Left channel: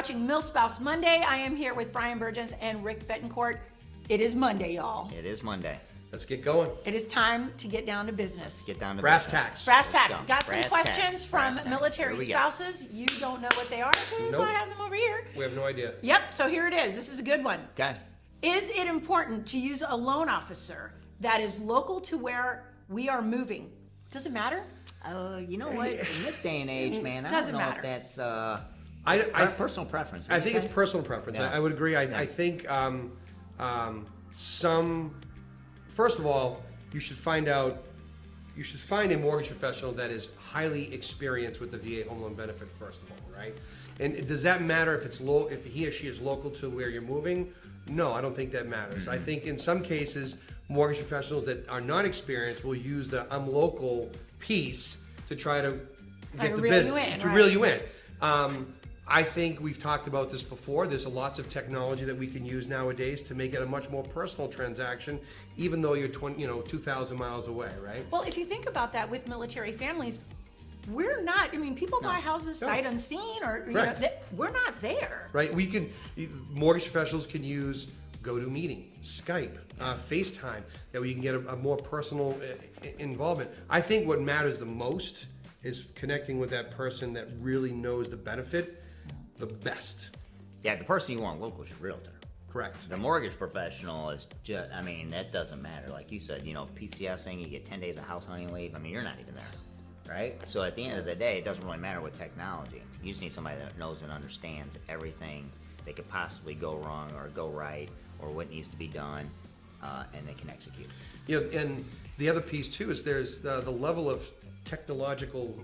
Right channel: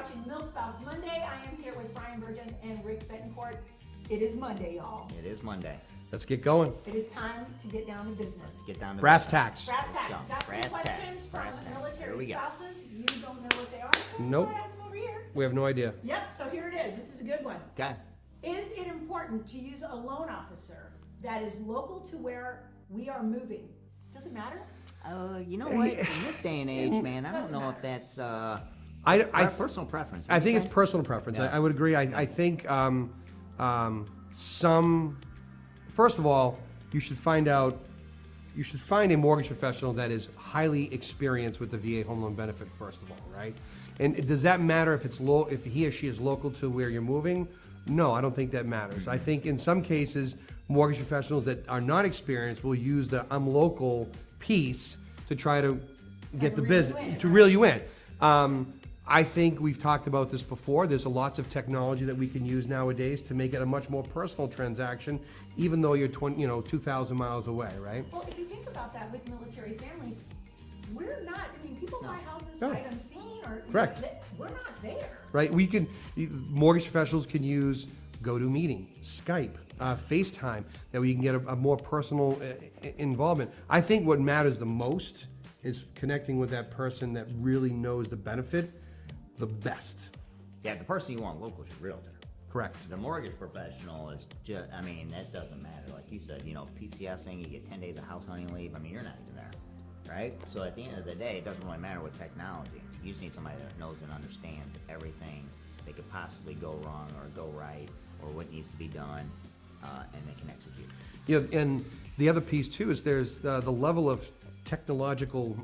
watching MilSpouse Monday. I am here with Bryan Bergjans and Rick Bettencourt. It is Monday, y'all. It is Monday. Let's get going. It is time to get down to business. Get down to Brass business. tacks. Brass Let's tacks. go. Got some Brass questions tacks. from Brass tacks. military Here we go. spouses. You don't know what they are because Nope. I have them over here. We have no idea. Yep, so here it is. This is a good one. Okay. Is it important to use a loan officer that is local to where we are moving? Does it matter? You know what? In this day and age, man, I Doesn't don't know matter. if that's I personal preference. I think it's personal preference. Yeah. I would agree. I think first of all, you should find a mortgage professional that is highly experienced with the VA home loan benefit, first of all, right? And does that matter if if he or she is local to where you're moving? No, I don't think that matters. I think in some cases, mortgage professionals that are not experienced will use the I'm local piece to try to get the reel you business, in, to right. reel you in. I think we've talked about this before. There's lots of technology that we can use nowadays to make it a much more personal transaction, even though you're 2,000 miles away, right? Well, if you think about that with military families, we're not, people buy houses sight unseen or, Correct. we're not there. Right? Mortgage professionals can use GoToMeeting, Skype, FaceTime, that we can get a more personal involvement. I think what matters the most is connecting with that person that really knows the benefit the best. Yeah, the person you want local is your realtor. Correct. The mortgage professional is just, that doesn't matter. Like you said, PCS thing, you get 10 days of house hunting leave. You're not even there, right? So at the end of the day, it doesn't really matter with technology. You just need somebody that knows and understands everything that could possibly go wrong or go right or what needs to be done, and they can execute. Yeah, and the other piece too is there's the level of technological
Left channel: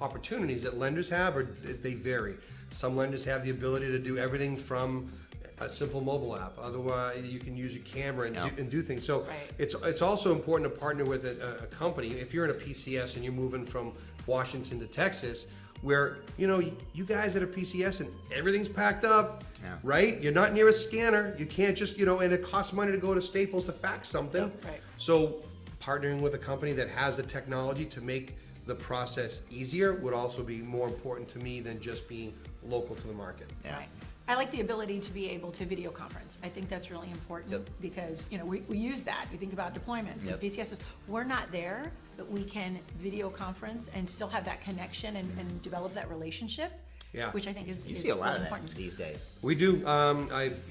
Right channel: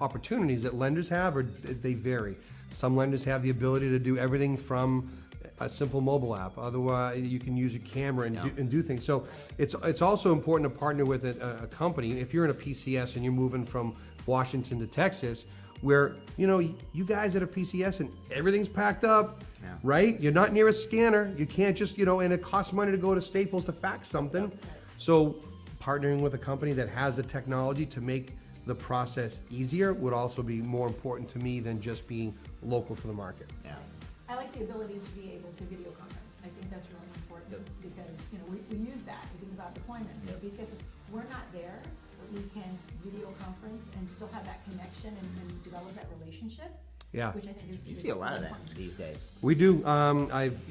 opportunities that lenders have, or they vary. Some lenders have the ability to do everything from a simple mobile app. Otherwise, you can use your camera and do things. So it's also important to partner with a company. If you're in a PCS and you're moving from Washington to Texas, where you guys at a PCS and everything's packed up, right? You're not near a scanner. You can't just and it costs money to go to Staples to fax something. Yep. Right. So partnering with a company that has the technology to make the process easier would also be more important to me than just being local to the market. Yeah. I like the ability to be able to video conference. I think that's really important because we use that. You think about deployments. Yep. BCSs, we're not there, but we can video conference and still have that connection and develop that relationship. Yeah. Which I think is You see a lot of that important. these days. We do. I've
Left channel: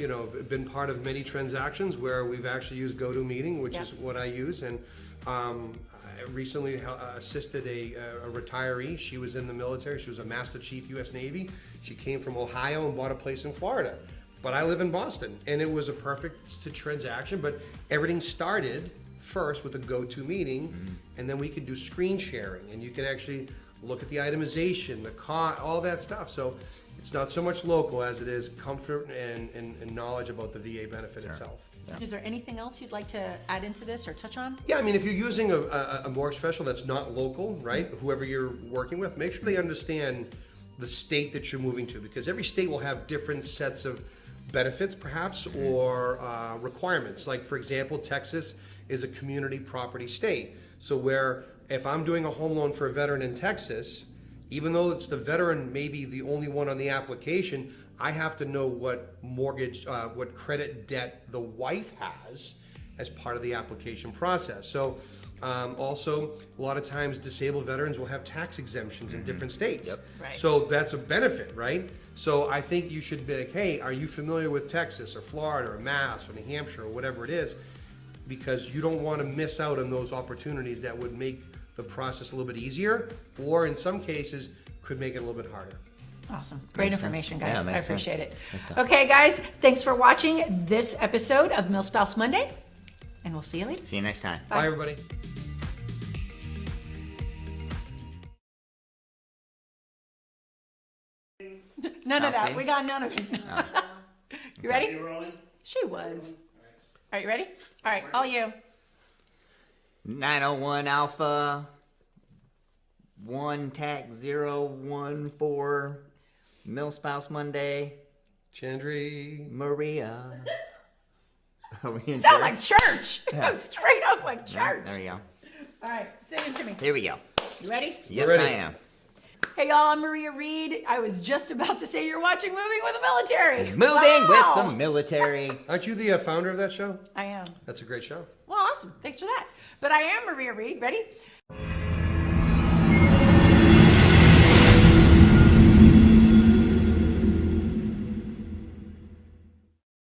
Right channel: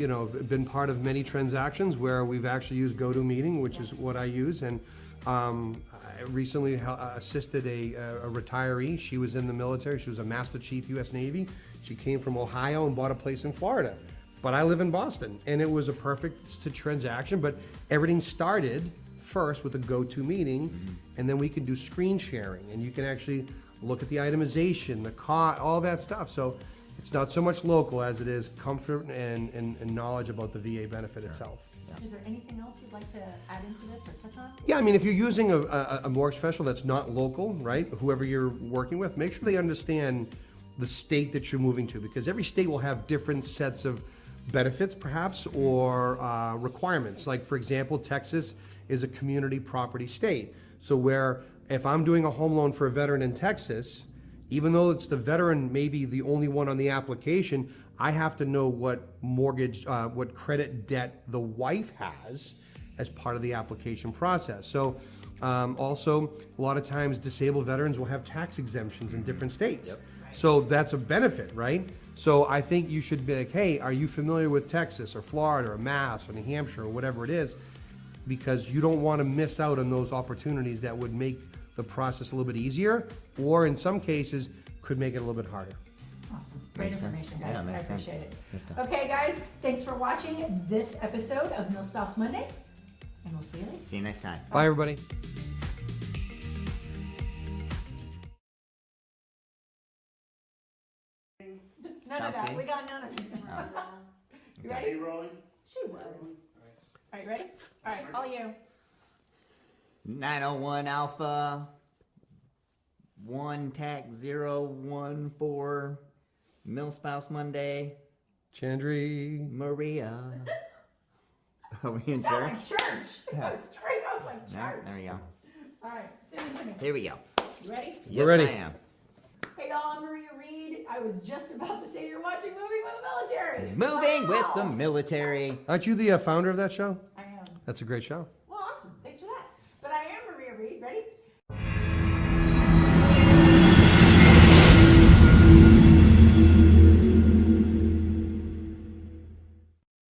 been part of many transactions where we've actually used GoToMeeting, which is what I use, and I recently assisted a retiree. She was in the military. She was a Master Chief U.S. Navy. She came from Ohio and bought a place in Florida. But I live in Boston, and it was a perfect transaction. But everything started first with a GoToMeeting, and then we could do screen sharing, and you can actually look at the itemization, the cost, all that stuff. So it's not so much local as it is comfort and knowledge about the VA benefit itself. Yeah. Is there anything else you'd like to add into this or touch on? Yeah, if you're using a mortgage professional that's not local, right, whoever you're working with, make sure they understand the state that you're moving to, because every state will have different sets of benefits, perhaps, or requirements. Like, for example, Texas is a community property state. So where if I'm doing a home loan for a veteran in Texas, even though it's the veteran maybe the only one on the application, I have to know what what credit debt the wife has as part of the application process. So also, a lot of times disabled veterans will have tax exemptions in different states. Yep. Right. So that's a benefit, right? So I think you should be like, hey, are you familiar with Texas or Florida or Mass or New Hampshire or whatever it is? Because you don't want to miss out on those opportunities that would make the process a little bit easier, or in some cases could make it a little bit harder. Awesome. Great Makes information, sense. guys. Yeah, I makes sense. appreciate it. Okay. Okay, guys, thanks for watching this episode of MilSpouse Monday, and we'll see you later. See you next time. Bye everybody. None of Sounds that. good. We got none of it. You ready? She was. Are you ready? All right, all you. 901 Alpha 1 TAC 014 MilSpouse Monday Chandri. Maria. Are we in Sound church? like church. Yeah. Straight up like Yeah, church. there we go. All right, sing it to me. Here we go. You ready? Yes, ready. I am. Hey y'all, I'm Maria Reed. I was just about to say you're watching Moving with the Military. Moving with the Wow. military. Aren't you the founder of that show? I am. That's a great show. Well, awesome. Thanks for that. But I am Maria Reed. Ready?